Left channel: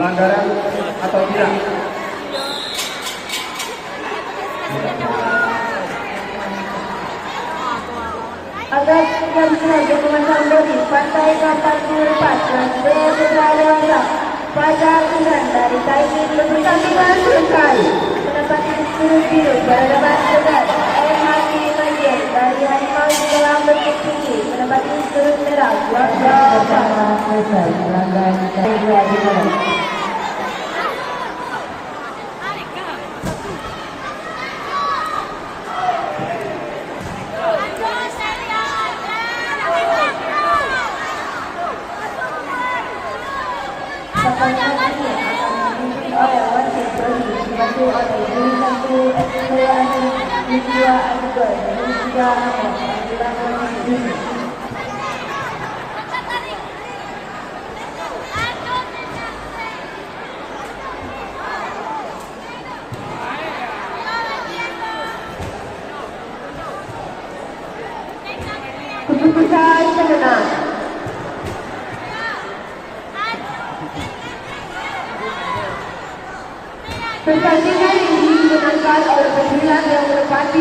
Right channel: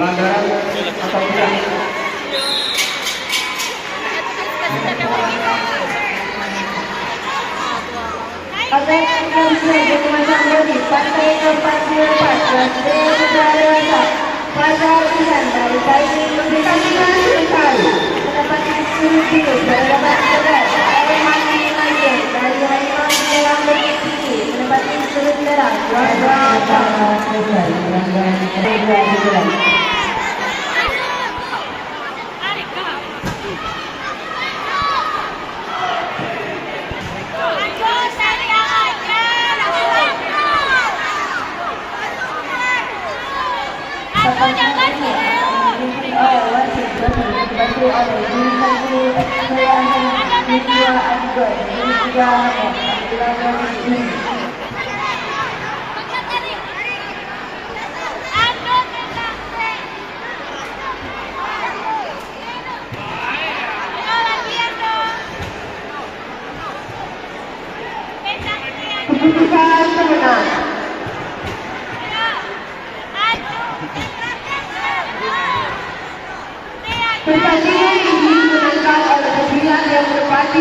pelanggaran atau tidak. Agar tidak bisa digunakan bodi pasal 44 dan B secara dewasa pada pilihan dari kaji pemberitaan sekali mendapat disuruh biru dari lebat berat air mati banjir dari animal dalam bentuk tinggi mendapat disuruh merah pertandingan ini dimenangkan oleh pemilihan yang berpati